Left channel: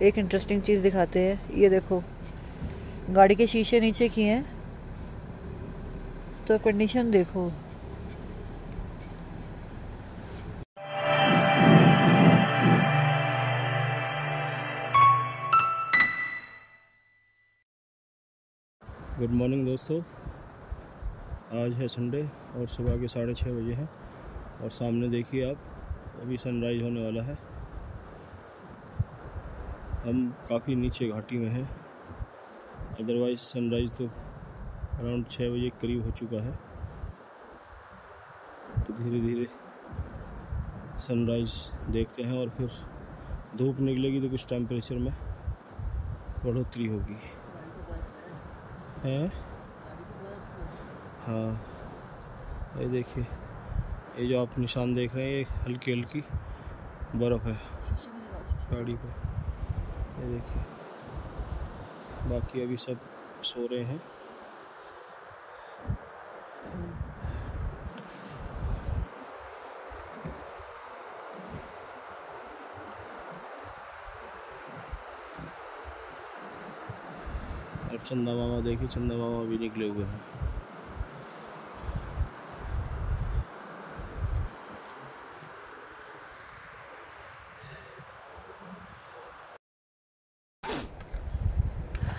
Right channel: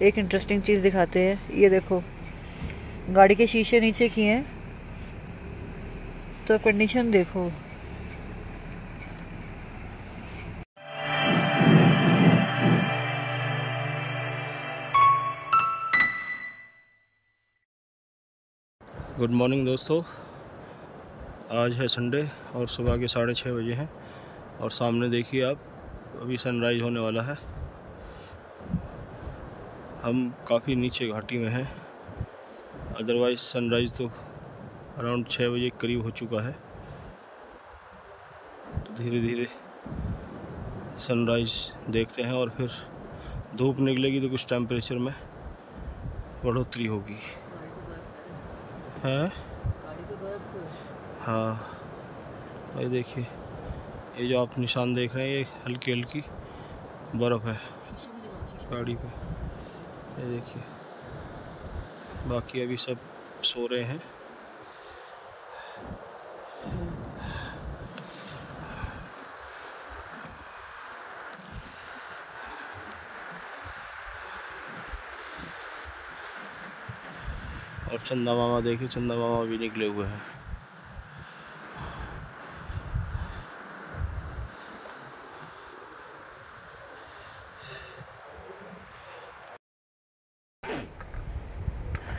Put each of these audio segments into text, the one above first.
एक इंटरेस्टिंग चीज़ दिखाते हैं, ये देखो गाड़ी के शीशे नीचे किए हैं तो कंडीशन देखो। गुड मॉर्निंग दोस्तों, आज है संडे और सुबह के 6:30 बजे हैं और सामने देखिए आप, अभी सनराइज़ होने वाला है। हम काफ़ी नीचे घाटी में हैं, अदरवाइज़ सनराइज़ तो अराउंड 6 बजे करीब हो चुका है। तो धीरे धीरे सनराइज़ देखते हैं और फिर धूप निकलेगी तो कुछ टेम्परेचर में बढ़ोतरी होगी। है हाँ, ये देखिए, ये जो आप निशान देख रहे हैं ये हल्की हल्की बर्फ़ है गाड़ी पे, ये देखिए। बाकी अभी सब सो रहे हैं। और चंदा मामा देखिए, चंदा मामा भी निकले हुए हैं।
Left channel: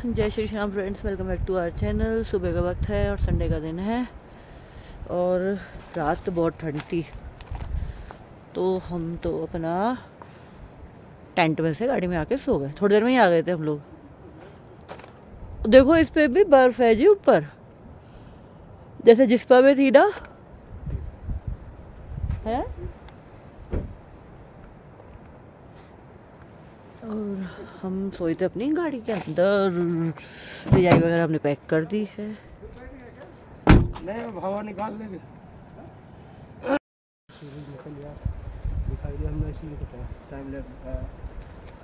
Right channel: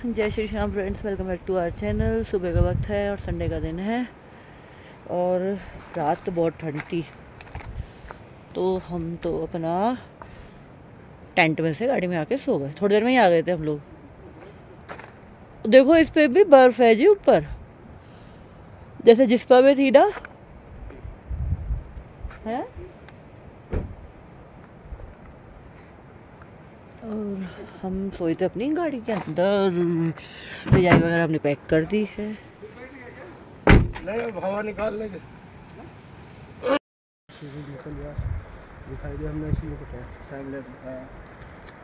Jai Shri Shyam friends, welcome back to our channel. सुबह का वक्त है और संडे का दिन है और रात तो बहुत ठंड थी, तो हम तो अपना टेंट में से गाड़ी में आके सो गए। थोड़ी देर में ही आ गए थे हम लोग। देखो इस पे भी बर्फ है जी ऊपर, जैसे जिस्पा में थी ना, है। और हम सोए थे अपनी गाड़ी के अंदर। रजाई वगैरह हमने पैक कर दी है। नहीं, हवा निकाल लेंगे।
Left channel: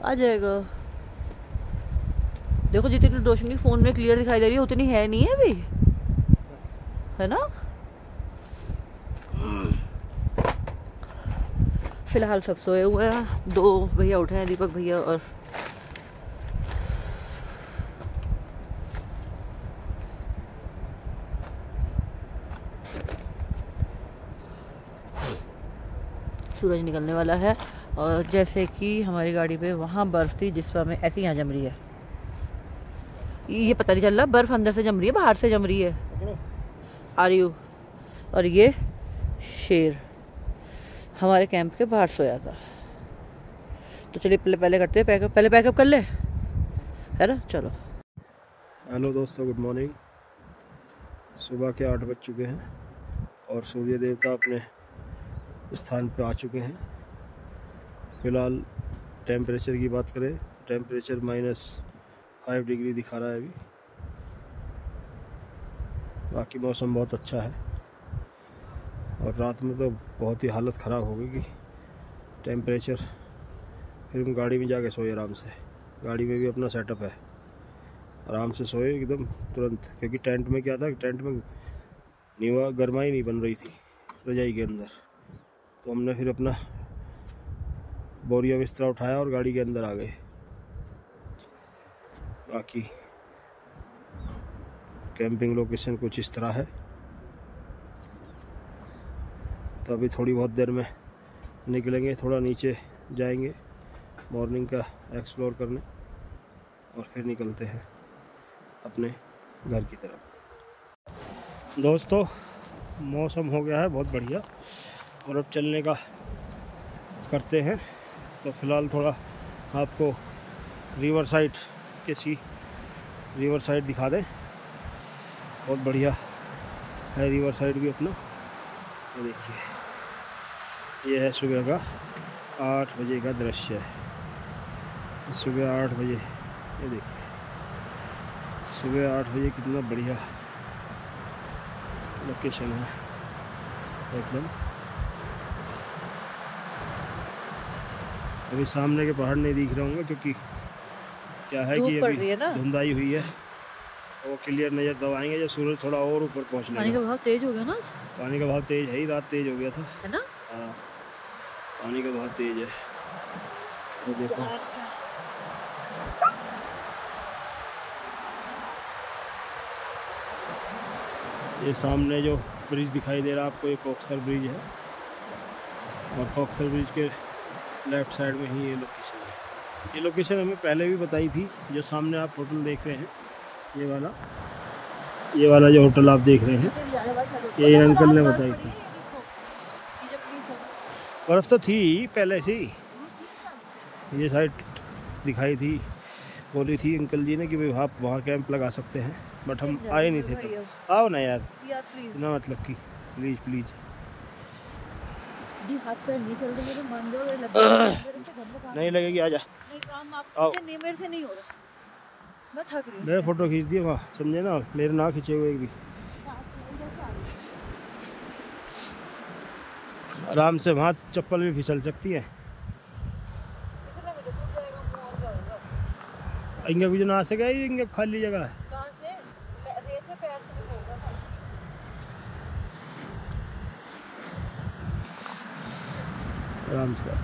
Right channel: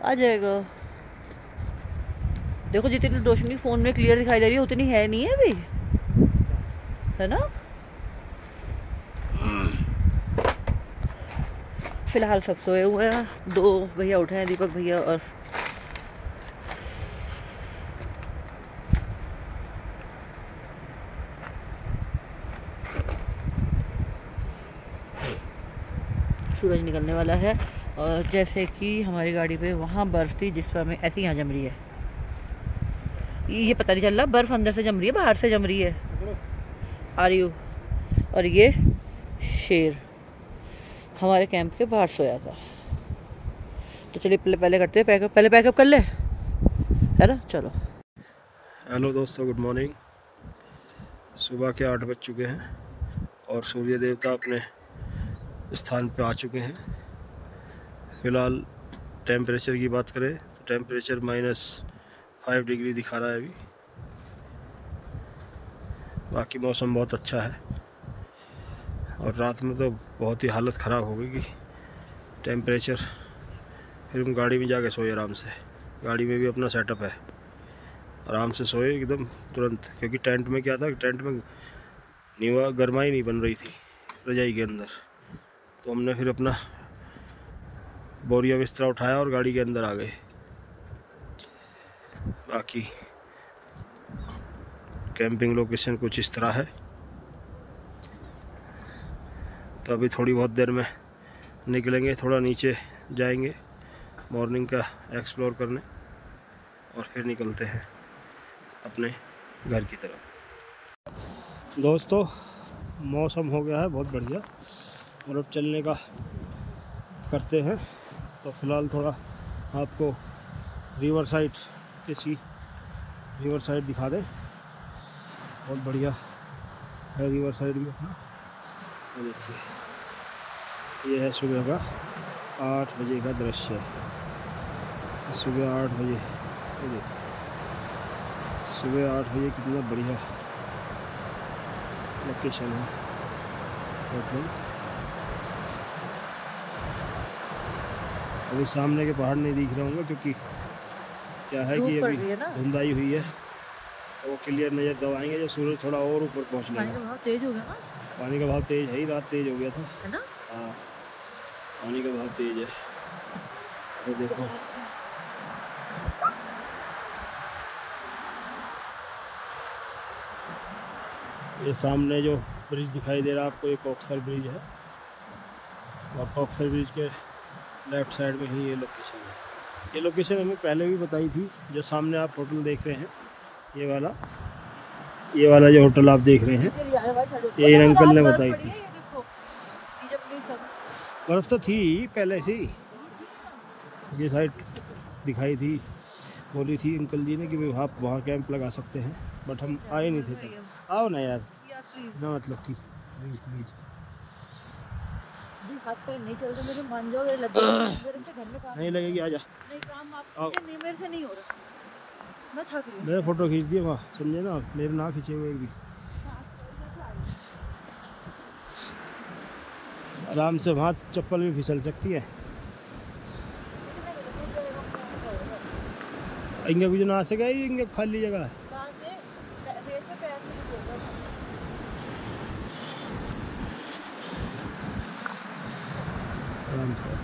आ जाएगा। देखो जितनी रोशनी फोन में क्लियर दिखाई दे रही है उतनी है नहीं है अभी, है ना। फिलहाल सब सोए हुए हैं। 2 भैया उठे हैं, दीपक भैया और सूरज निकलने वाला है। और जैसे कि हमारी गाड़ी पे वहाँ बर्फ़ थी जिसपा में ऐसे यहाँ जम रही है। ये पता नहीं चल रहा बर्फ़ अंदर से जम रही है बाहर से जम रही है। आ रही हो। और ये शेर हमारे कैंप के बाहर सोया था। तो चलिए पहले करते हैं पैकअप। पहले पैकअप कर ले, है ना। चलो। हेलो दोस्तों, गुड मॉर्निंग। सुबह के 8 बज चुके हैं और सूर्य देवता अपने स्थान पे आ चुके हैं। फ़िलहाल टेम्परेचर की बात करें तो टेम्परेचर -5 डिग्री दिखा रहा है अभी। बाकी मौसम बहुत अच्छा है और रात में तो बहुत ही हालत ख़राब हो गई कि टेम्परेचर, फिर हम गाड़ी में जाके सोए आराम से। गाड़ी में भी अपना सेटअप है, आराम से सोए एकदम तुरंत। क्योंकि टेंट में क्या था, टेंट में नीवा गर्माई नहीं बन रही थी रजाई के अंदर, तो हमने फिर अपना बोरिया बिस्तरा उठाया और गाड़ी के अंदर आ गए। बाकी कैंपिंग लोकेशन कुछ इस तरह है। तो अभी थोड़ी बहुत देर में निकलेंगे, थोड़ा नीचे जाएंगे मॉर्निंग का एक्सप्लोर करने और फिर निकलते हैं अपने घर की तरफ। दोस्तों मौसम हो गया है बहुत बढ़िया और अब चलने का करते हैं। तो फ़िलहाल थोड़ा आपको रिवर साइड दिखा दें। बहुत बढ़िया है रिवर साइड भी अपना। देखिए ये है सुबह का 8 बजे का दृश्य है। सुबह 8 बजे, ये देखिए सुबह 8 बजे कितना बढ़िया लोकेशन है एकदम। अभी सामने के पहाड़ नहीं दिख रहे होंगे क्योंकि क्या है कि अभी धुंधाई हुई है, तो वो क्लियर नज़र दबाएंगे जब सूरज थोड़ा और ऊपर पहुंचने का। बहुत तेज हो गया ना। पानी का भाव तेज है ही, रात तेज हो गया था है ना। हाँ, पानी का भाव तेज है। तो देखो ये सामने जो ब्रिज दिखाई दे रहा है आपको, ये कॉक्सर ब्रिज है, और कॉक्सर ब्रिज के लेफ्ट साइड में ही ये लोकेशन है। ये लोकेशन हमें पहले भी बताई थी। जो सामने आप होटल देख रहे हैं, ये वाला जो होटल आप देख रहे हैं, ये इन अंकल ने बताई थी। बर्फ़ तो थी पहले से ही, ये साइड दिखाई थी, बोली थी अंकल जी ने कि भाई आप वहाँ कैंप लगा सकते हैं, बट हम आए नहीं थे तब। आओ ना यार, ना मतलब कि प्लीज़ प्लीज़। हाथ पैर नहीं चल रहे मेरे, मान जाओ नहीं लगेगी, आजा। नहीं काम आपके नहीं, मेरे से नहीं हो रहा, मैं थक रही हूँ। मेरे फोटो खींच दिए वहाँ, समझे ना, मेरे ना खींचे हुए भी। आराम से वहाँ चप्पल भी फिसल सकती है। इंगे कुछ ना सके, इंगे खाली जगह है। कहाँ से? रेत से पैर से होगा ना। आराम से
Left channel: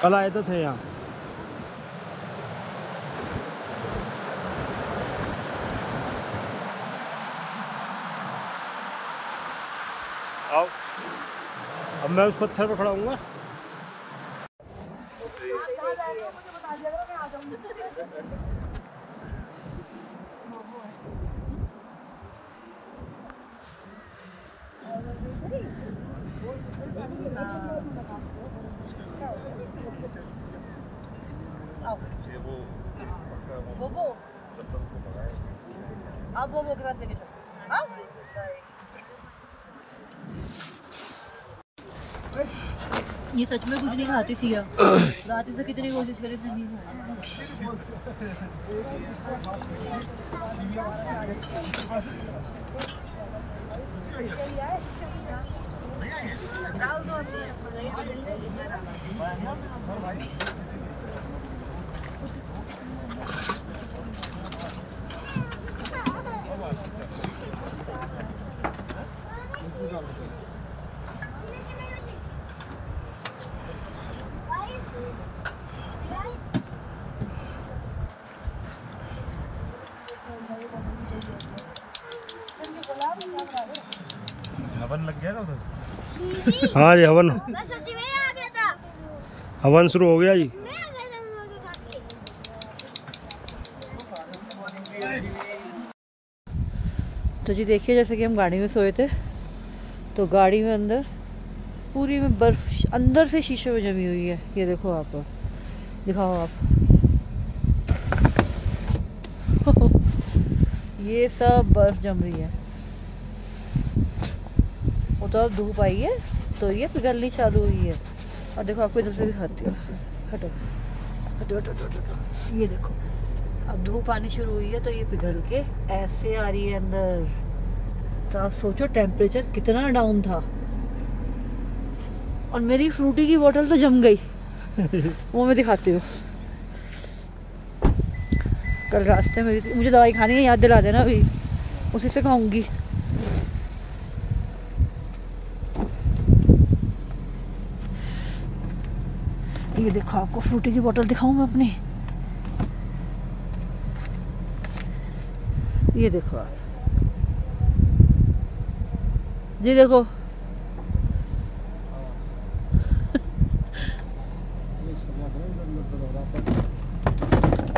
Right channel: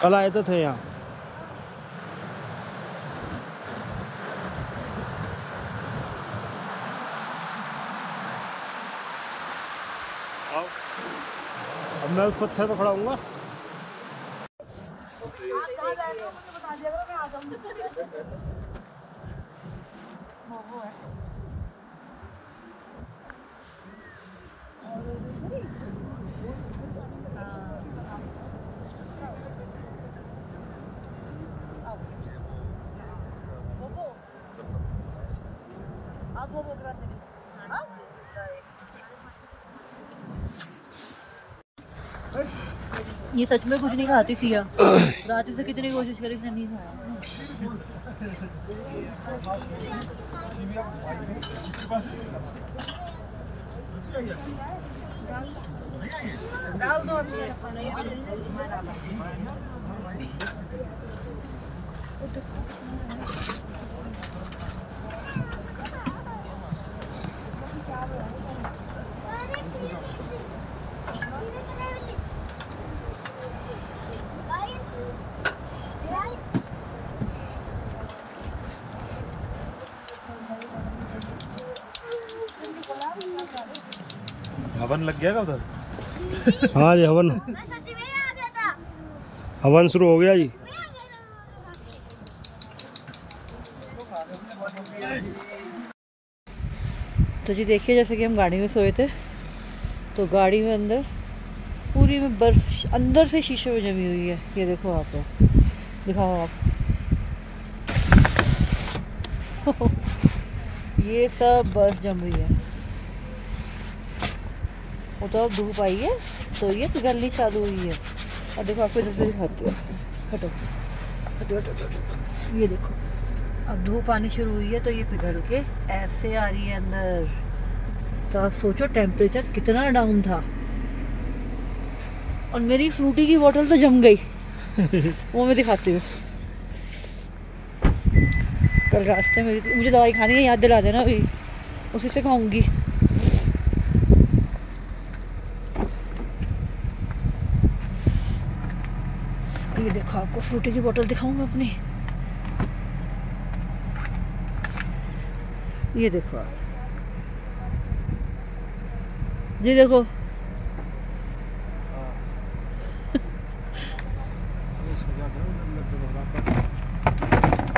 कल आए तो थे यहाँ। आओ, अब मैं उस पत्थर पर खड़ा हूँगा। अब वो के पास लेके ये सच में कुछ नहीं खाती सिया, रात से कितनी कोशिश करी थी, नहीं खाया। हवन लग गया उधर? हाँ जी, हवन शुरू हो गया जी। तो जी देखिए, जैसे कि हम गाड़ी में सोए थे, तो गाड़ी में अंदर पूरी में बर्फ अंदर से शीशे में जमी हुई है। ये देखो, आप दिखाओ आप ये सब बर्फ जम रही है। वो तो अब धूप आई है तो ये पिघलनी चालू हुई है। और देखो, आपको इधर से दिखाती हूँ, हटो हटो हटो हटो, ये देखो अब धूप आनी शुरू हुई है, तो ये पिघल के ऐसे आ रही है अंदर। तो आप सोचो टेम्परेचर कितना डाउन था। और मेरी फ्रूटी की बोतल तो जम गई वो मैं दिखाती हूँ। कल रास्ते में मुझे दवाई खानी है, याद दिला देना, अभी उसी से खाऊंगी। ये देखो, आपको फ्रूटी की बोतल दिखाऊं मैं अपनी। ये देखो आप जी, देखो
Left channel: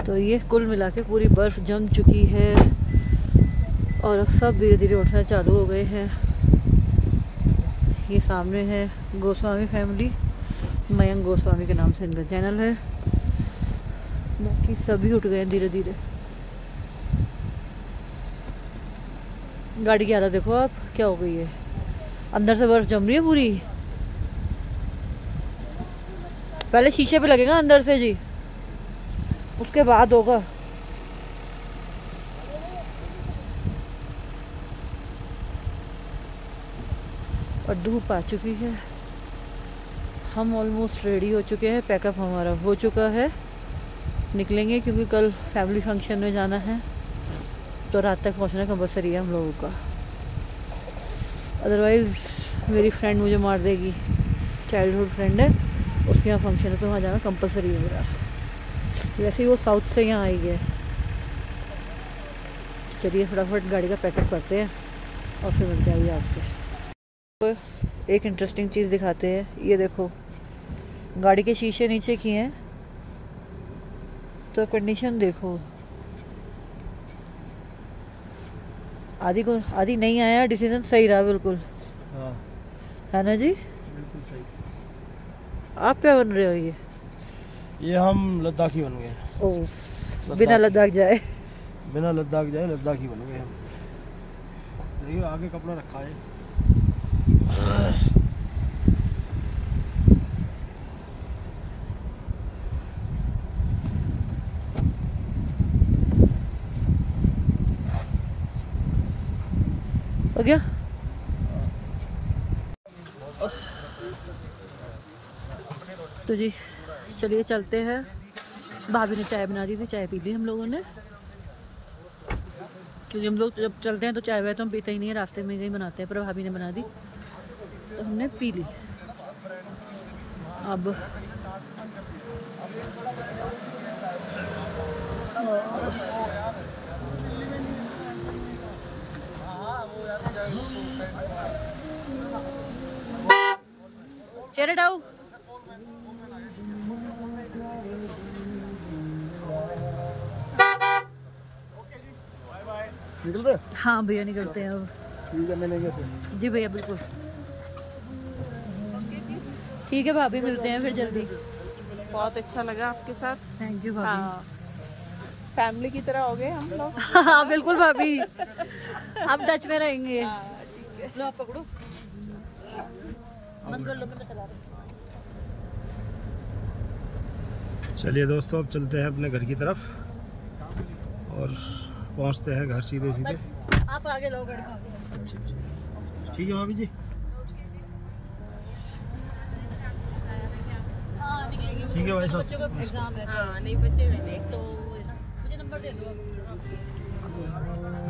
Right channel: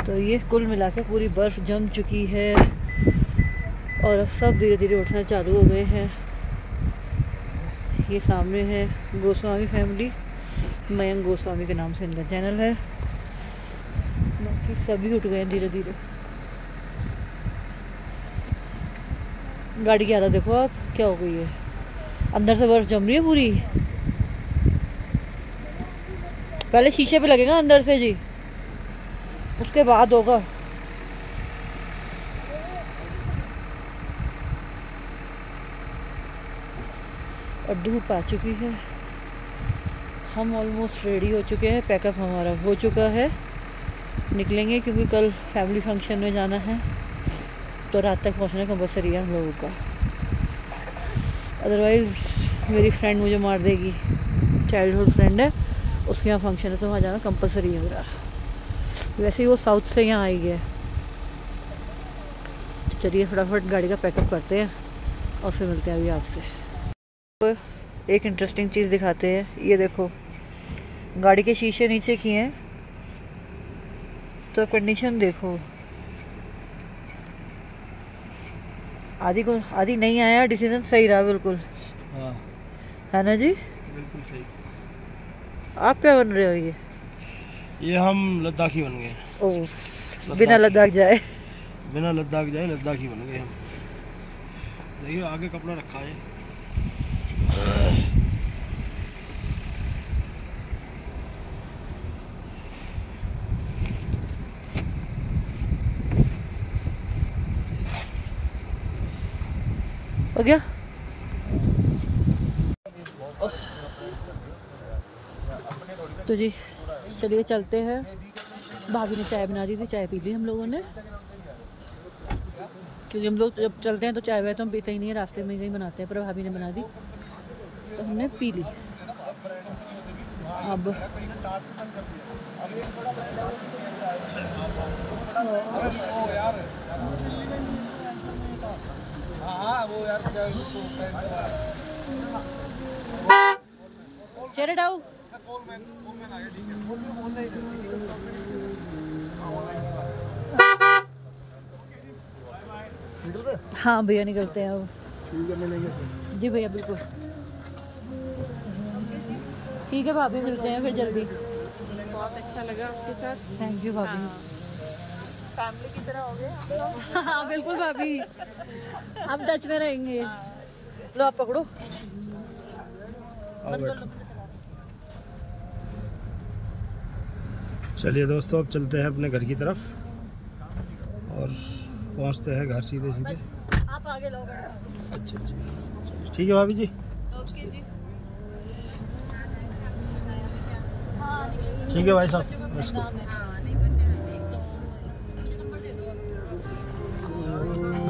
तो ये कुल मिला के पूरी बर्फ जम चुकी है और अब सब धीरे धीरे उठना चालू हो गए हैं। ये सामने है गोस्वामी फैमिली, मयंक गोस्वामी के नाम से इनका चैनल है। बाकी सभी उठ गए धीरे धीरे। गाड़ी की हालत देखो आप क्या हो गई है, अंदर से बर्फ जम रही है पूरी। पहले शीशे पे लगेगा अंदर से जी, उसके बाद होगा। और धूप आ चुकी है, हम ऑलमोस्ट रेडी हो चुके हैं, पैकअप हमारा हो चुका है, निकलेंगे क्योंकि कल फैमिली फंक्शन में जाना है, तो रात तक पहुंचना कंपलसरी है हम लोगों का, अदरवाइज़ मेरी फ्रेंड मुझे मार देगी, चाइल्डहुड फ्रेंड है, उसके यहाँ फंक्शन है तो वहाँ जाना कंपलसरी है मेरा। वैसे ही वो साउथ से यहाँ आई है। तो चलिए फटाफट गाड़ी का पैकअप करते हैं और फिर मिलते हैं अभी आपसे। तो एक इंटरेस्टिंग चीज़ दिखाते हैं, ये देखो गाड़ी के शीशे नीचे किए हैं तो कंडीशन देखो, आदि नहीं आया, डिसीजन सही रहा बिल्कुल। हाँ है ना जी, बिल्कुल सही। आप क्या बन रहे हो? ये हम लद्दाखी बन गए। ओह, बिना लद्दाख जाए लद्दाखी बन गए हम। देखिए आगे कपड़ा रखा है। हो गया। तो जी चलिए चलते हैं। भाभी ने चाय बना दी थी, चाय पी ली हम लोगों ने, क्योंकि हम लोग जब चलते हैं तो चाय वाय तो हम पीते ही नहीं है, रास्ते में ही बनाते हैं, पर भाभी ने बना दी तो हमने पी ली। अब चेहरे डाउ निकलते? हाँ भैया निकलते हैं अब। ठीक है, मिलेंगे। जी भैया बिल्कुल ठीक है, भाभी मिलते हैं फिर जल्दी। बहुत अच्छा लगा आपके साथ। थैंक यू भाभी। फैमिली की तरह हो गए हम लोग। हाँ बिल्कुल भाभी, हम टच में रहेंगे। लो आप पकड़ो, बंद कर लो। चलिए दोस्तों, अब चलते हैं अपने घर की तरफ और पहुंचते हैं घर सीधे सीधे। आप आगे लो गाड़ी का। अच्छा अच्छा, ठीक है भाभी जी। ओके जी। हाँ निकलेंगे। ठीक है भाई साहब। नहीं बचे हुए एक तो मुझे नंबर दे दो।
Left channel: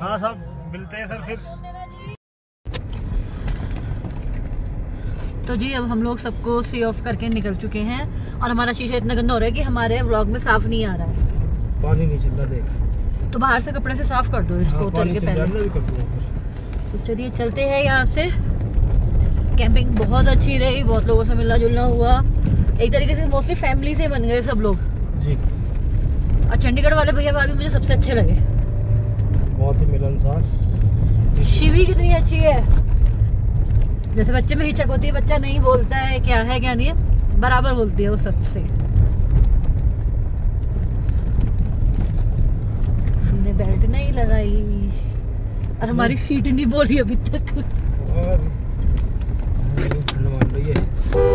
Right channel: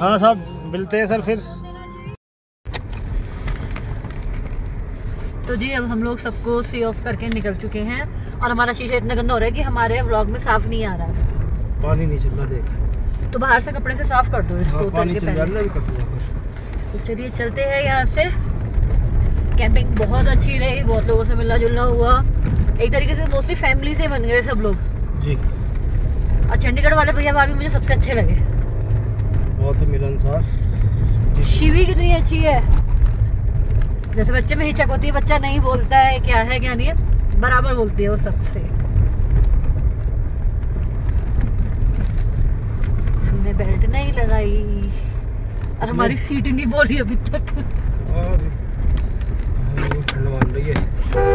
हाँ साहब, मिलते हैं सर फिर। तो जी अब हम लोग सबको सी ऑफ करके निकल चुके हैं और हमारा शीशा इतना गंदा हो रहा है कि हमारे व्लॉग में साफ नहीं आ रहा है। पानी नहीं चल रहा, देख। तो बाहर से कपड़े से साफ कर दो इसको, हाँ, उतर के पहले। तो चलिए चलते हैं यहाँ से। कैंपिंग बहुत अच्छी रही, बहुत लोगों से मिलना जुलना हुआ, एक तरीके से मोस्टली फैमिली से बन गए सब लोग जी। और चंडीगढ़ वाले भैया भाभी मुझे सबसे अच्छे लगे, बहुत ही मिलनसार। शिवी कितनी अच्छी है, जैसे बच्चे में हिचक होती है, बच्चा नहीं बोलता है क्या है क्या नहीं है, बराबर बोलती है वो सबसे। हमने बेल्ट नहीं लगाई और हमारी सीट नहीं बोली अभी तक। ठंड मान रही है।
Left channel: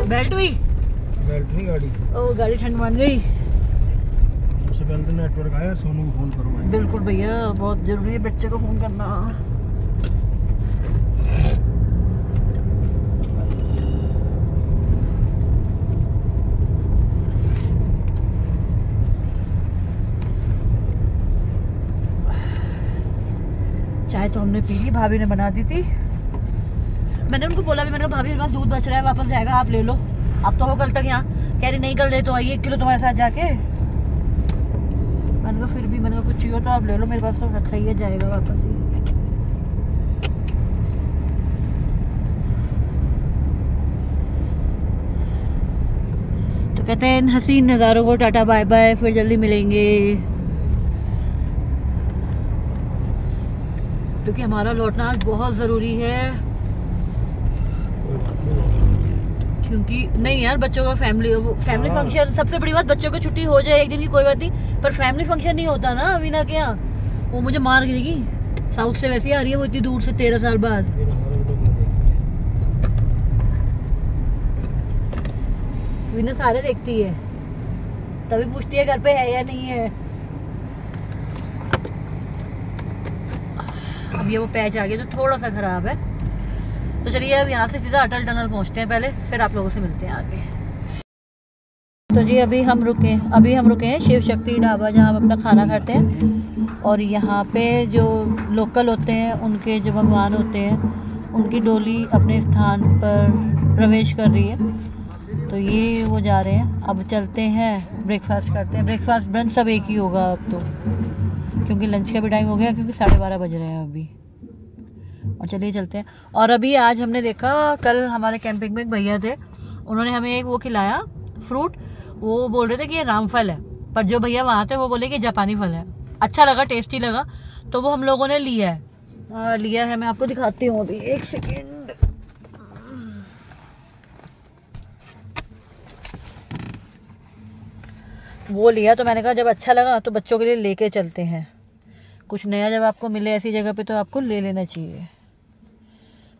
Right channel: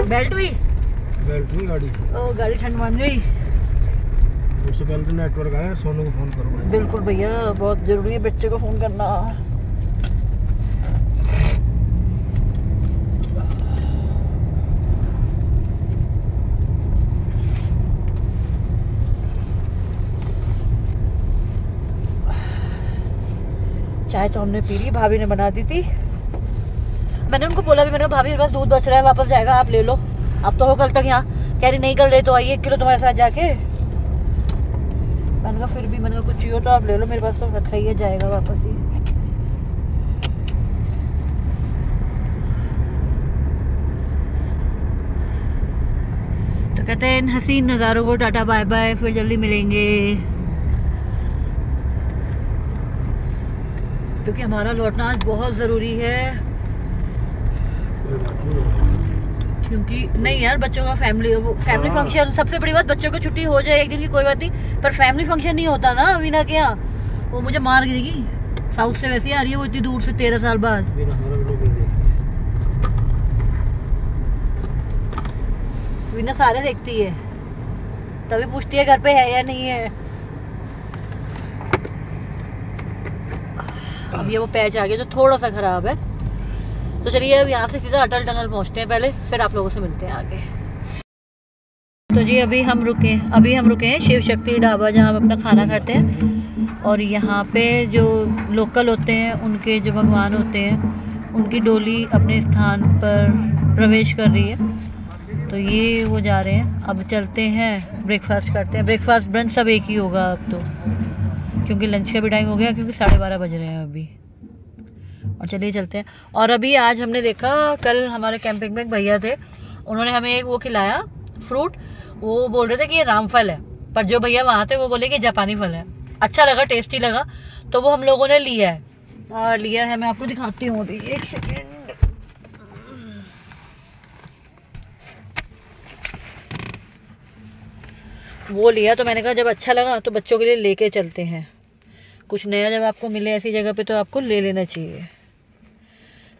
बेल्ट भी, बेल्ट नहीं गाड़ी। ओ गाड़ी ठंड मान गई। उससे पहले तो नेटवर्क आया, सोनू को फोन करो। बिल्कुल भैया, बहुत जरूरी है बच्चे को फोन करना। चाय तो हमने पी ली, भाभी ने बना दी थी। मैंने उनको बोला भी, मैंने कहा भाभी मेरे पास दूध बच रहा है, वापस जाएगा, आप ले लो, आप तो हो कल तक यहाँ। कह रही नहीं, कल ले तो आइए 1 किलो तुम्हारे साथ जाके। मैंने कहा फिर भी, मैंने कहा कुछ चाहिए तो आप ले लो, मेरे पास तो रखा ही है, जाएगा वापस ही। तो कहते हैं इन हसीन नज़ारों को टाटा बाय बाय, फिर जल्दी मिलेंगे, क्योंकि हमारा लौटना आज बहुत ज़रूरी है। क्योंकि नहीं यार, बच्चों का फैमिली फंक्शन, सबसे बड़ी बात बच्चों को छुट्टी हो जाए एक दिन की कोई बात नहीं, पर फैमिली फंक्शन नहीं होता ना वीना के यहाँ, वो मुझे मार गिरेगी। साउथ से वैसे ही आ रही है वो इतनी दूर से 13 साल बाद। वीना सारे देखती है तभी पूछती है घर पे है या नहीं है। अब ये वो पैच आ गया जो थोड़ा सा खराब है। तो चलिए अब यहाँ से सीधा अटल टनल पहुँचते हैं पहले, फिर आप लोगों से मिलते हैं आगे। तो जी अभी हम रुके हैं शिव शक्ति ढाबा, जहाँ हम अपना खाना खाते हैं। और यहाँ पे जो लोकल होते हैं उनके जो भगवान होते हैं उनकी डोली अपने स्थान पर प्रवेश कर रही है। तो ये वो जा रहे हैं। अब चलते हैं, ब्रेकफास्ट करते हैं। ब्रेकफास्ट ब्रंच सब एक ही होगा अब तो, क्योंकि लंच का भी टाइम हो गया, क्योंकि 12:30 बज रहे हैं अभी। और चलिए चलते हैं। और अभी आज हमने देखा, कल हमारे कैंपिंग में एक भैया थे, उन्होंने हमें एक वो खिलाया फ्रूट। वो बोल रहे थे कि ये रामफल है, पर जो भैया वहाँ थे वो बोले कि जापानी फल है। अच्छा लगा, टेस्टी लगा, तो वो हम लोगों ने लिया है। मैं आपको दिखाती हूँ अभी, एक सेकेंड। वो लिया तो मैंने कहा जब अच्छा लगा तो बच्चों के लिए लेके चलते हैं। कुछ नया जब आपको मिले ऐसी जगह पे तो आपको ले लेना चाहिए।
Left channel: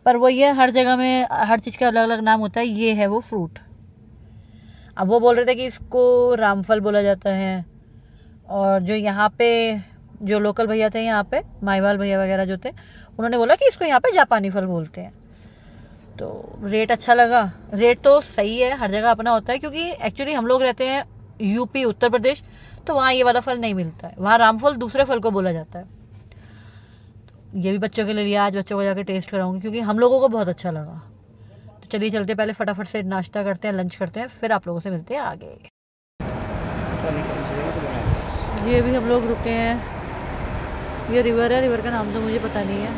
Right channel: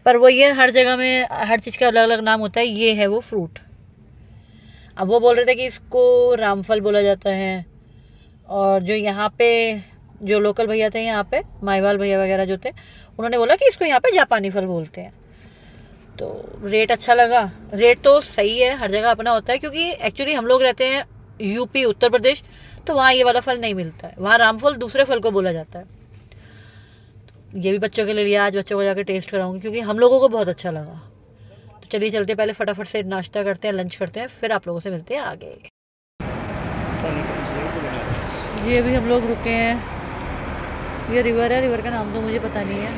पर वो ये हर जगह में हर चीज़ का अलग अलग नाम होता है। ये है वो फ्रूट। अब वो बोल रहे थे कि इसको रामफल बोला जाता है। और जो यहाँ पे जो लोकल भैया थे, यहाँ पे माईवाल भैया वगैरह जो थे, उन्होंने बोला कि इसको यहाँ पे जापानी फल बोलते हैं। तो रेट अच्छा लगा। रेट तो सही है, हर जगह अपना होता है, क्योंकि एक्चुअली हम लोग रहते हैं यूपी उत्तर प्रदेश, तो वहाँ ये वाला फल नहीं मिलता है। वहाँ रामफल दूसरे फल को बोला जाता है। तो ये भी बच्चों के लिए लिया, आज बच्चों को जाकर टेस्ट कराऊंगी, क्योंकि हम लोगों को बहुत अच्छा लगा। तो चलिए चलते, पहले फटाफट से नाश्ता करते हैं, लंच करते हैं, फिर आप लोगों से मिलते हैं आगे। ये भी हम लोग रुके हैं। ये रिवर है, रिवर का नाम तो मुझे पता नहीं है,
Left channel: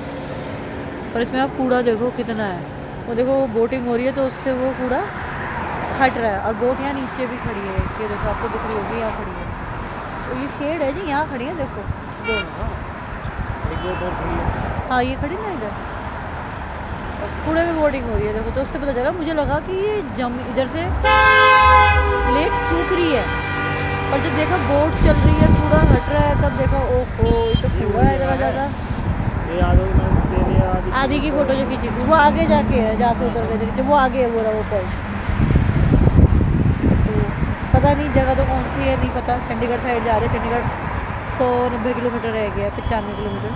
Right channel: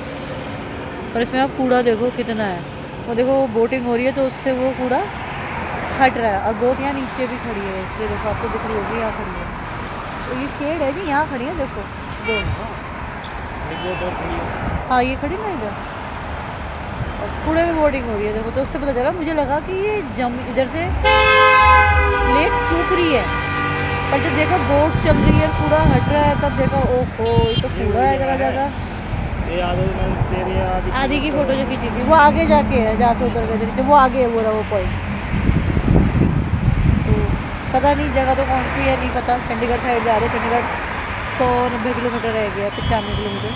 पर इसमें आप कूड़ा देखो कितना है। वो देखो बोटिंग हो रही है तो उससे वो कूड़ा हट रहा है। और बोट यहाँ नीचे भी खड़ी है, ये देखो आपको दिख रही होगी, यहाँ खड़ी है। तो ये शेड है कि यहाँ खड़ी है, देखो बोट। हाँ ये खड़ी ना इधर, और कूड़े में बोटिंग हो रही है देखो। तो उससे पता चला, मुझे लगा कि ये इधर से लेक सूख रही है, पर जब देखा बोट चल रही है, कूड़ा हट रहा है, तब देखा ओहो ये तो कूड़ा है ज़रा ज़्यादा। आदि की फोटो जो खींची थी वो आगे जाके है, जहाँ से उतर गए थे वो आगे है, वो रहा वो पॉइंट। तो पता नहीं जगह तो कौन सी है, नहीं पता। चंडीगढ़ साइड जा रहे हैं। चंडीगढ़ 190 किलोमीटर रह गया, 95 किलोमीटर।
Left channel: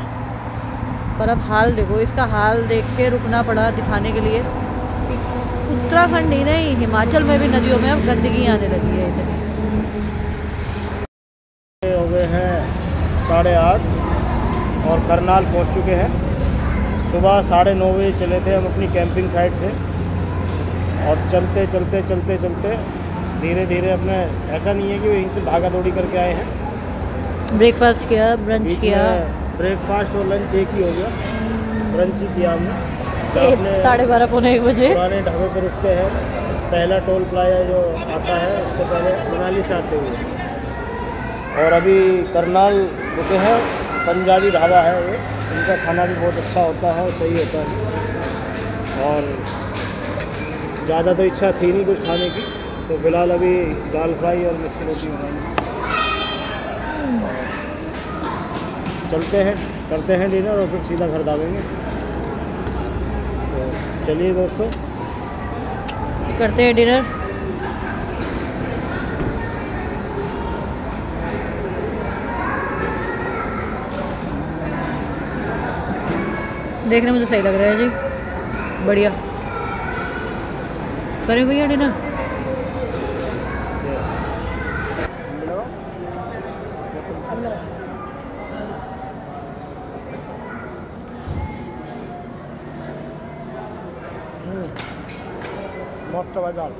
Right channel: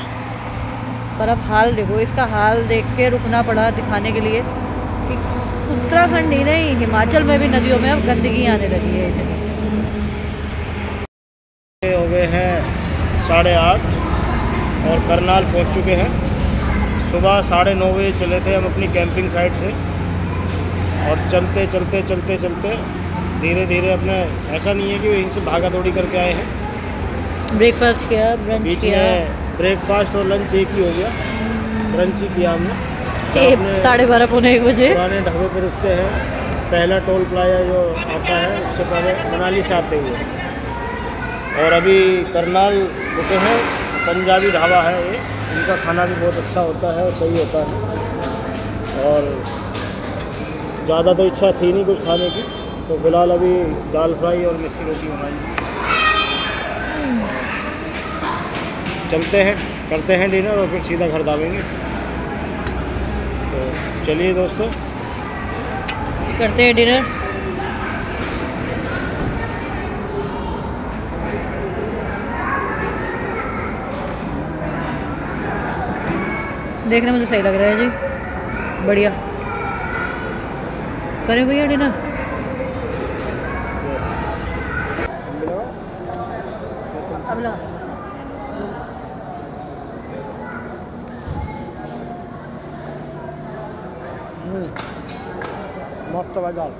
पर अब हाल देखो, इसका हाल देख के रुकना पड़ा दिखाने के लिए कि उत्तराखंड ही नहीं, हिमाचल में भी नदियों में अब गंदगी आने लगी है इतनी। हो गए हैं 8:30 और करनाल पहुंच चुके हैं। सुबह 9:30 बजे चले थे हम अपनी कैंपिंग साइट से, और चलते धीरे धीरे अपने, ऐसा नहीं है कि वहीं से भागा दौड़ी करके आए हैं। ब्रेकफास्ट किया, ब्रंच किया। ब्रेकफास्ट और लंच एक ही हो गया। ब्रंच ही किया हमने 12:30 पौने 1 बजे। पुराने ढाबे पर रुकते हैं। पहला टोल प्लाजा जो आता है उससे पहले मनाली से आते हुए, और अभी करनाल रुके हैं। पंजाबी ढाबा है ये, इनका खाना भी बहुत अच्छा होता है और सही होता है। और ज़्यादा तो इच्छा थी नहीं कुछ खाने की, तो फिलहाल अभी दाल फ्राई और मिस्सी रोटी बनाई। चलते हैं, करते हैं डिनर और फिर सीधा घर दावेंगे। तो चलिए दोस्तों, करते हैं डिनर। देखने में तो सही लग रहा है जी, बढ़िया। करें भैया डिनर। मस्त दाल।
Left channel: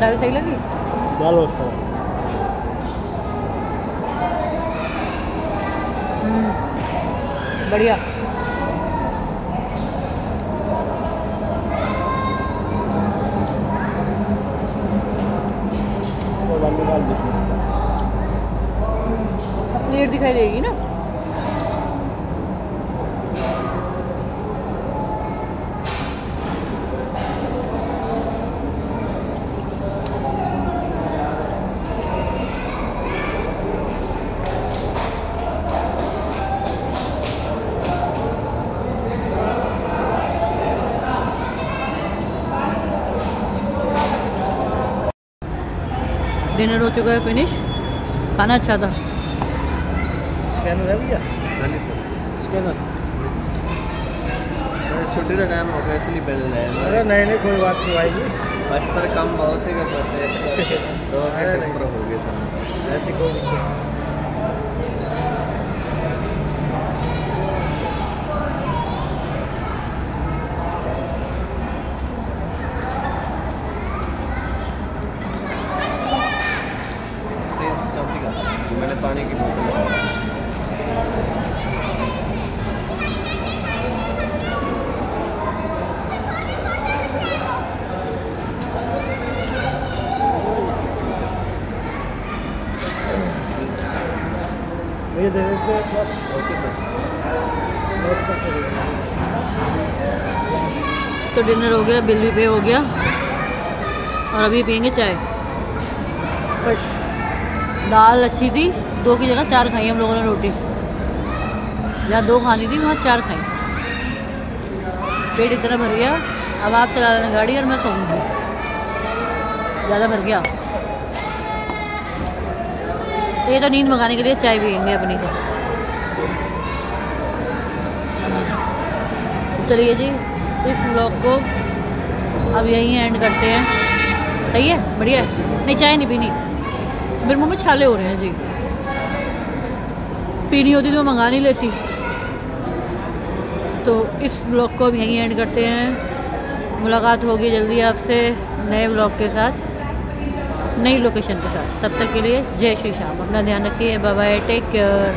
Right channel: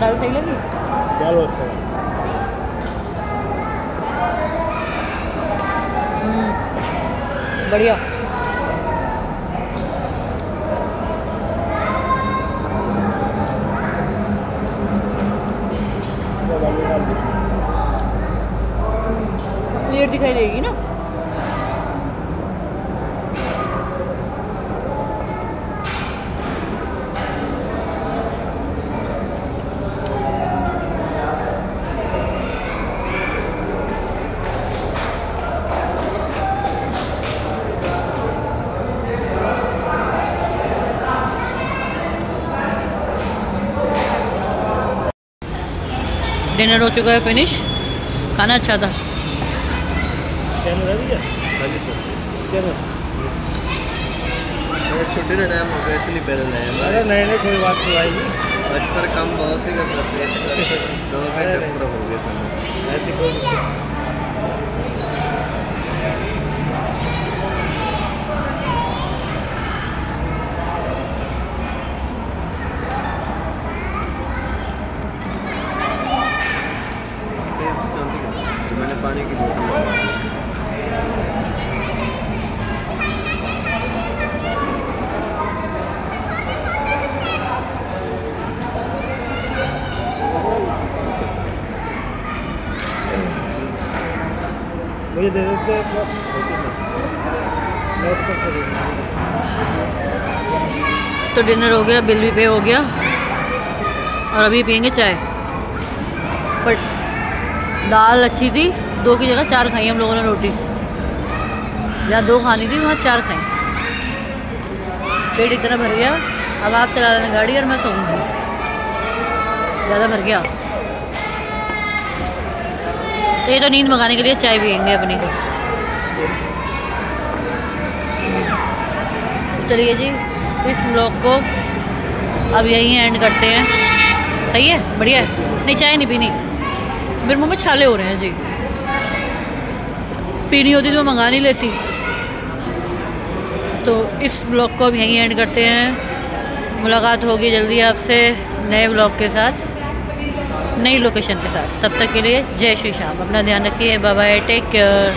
दाल सही लगी। बढ़िया। प्लेट दिखाई देगी ना। डिनर हो चुका है फिनिश, खाना अच्छा था। स्कैनर है भैया? हाँ जी सर, स्कैनर छुट्टी का टाइम हो गया इसलिए बिल है। अरे नहीं नहीं कोई बात नहीं आएगी, अक्सर काम बहुत ही करते हैं तो हो गया था, ऐसी कोई दिक्कत। मैंने पानी की मुझे दे देते तो डिनर हो गया, बिल भी पे हो गया और अभी पियेंगे चाय। बट दाल अच्छी थी, 2 की जगह 4 खाई हम लोगों ने रोटी। जहाँ 2 खानी थी वहाँ 4 खाई। पेट इतना भर गया, अब आप चला रहे हैं गाड़ी और मैं सोऊंगी, ज़्यादा भर गया। तो ये तो नींद भगाने के लिए चाय पियेंगे अपनी। चलिए जी, इस व्लॉग को अब यहीं एंड करते हैं। सही है, बढ़िया है। नहीं चाय नहीं पीनी, मेरे मुंह में छाले हो रहे हैं जी। पीनी होती तो मैं मंगा नहीं लेती। तो इस व्लॉग को अब यहीं एंड करते हैं। मुलाकात होगी जल्दी आपसे नए व्लॉग के साथ, नई लोकेशन के साथ। तब तक के लिए जय श्री श्याम, अपना ध्यान रखिए, बाय बाय, टेक केयर।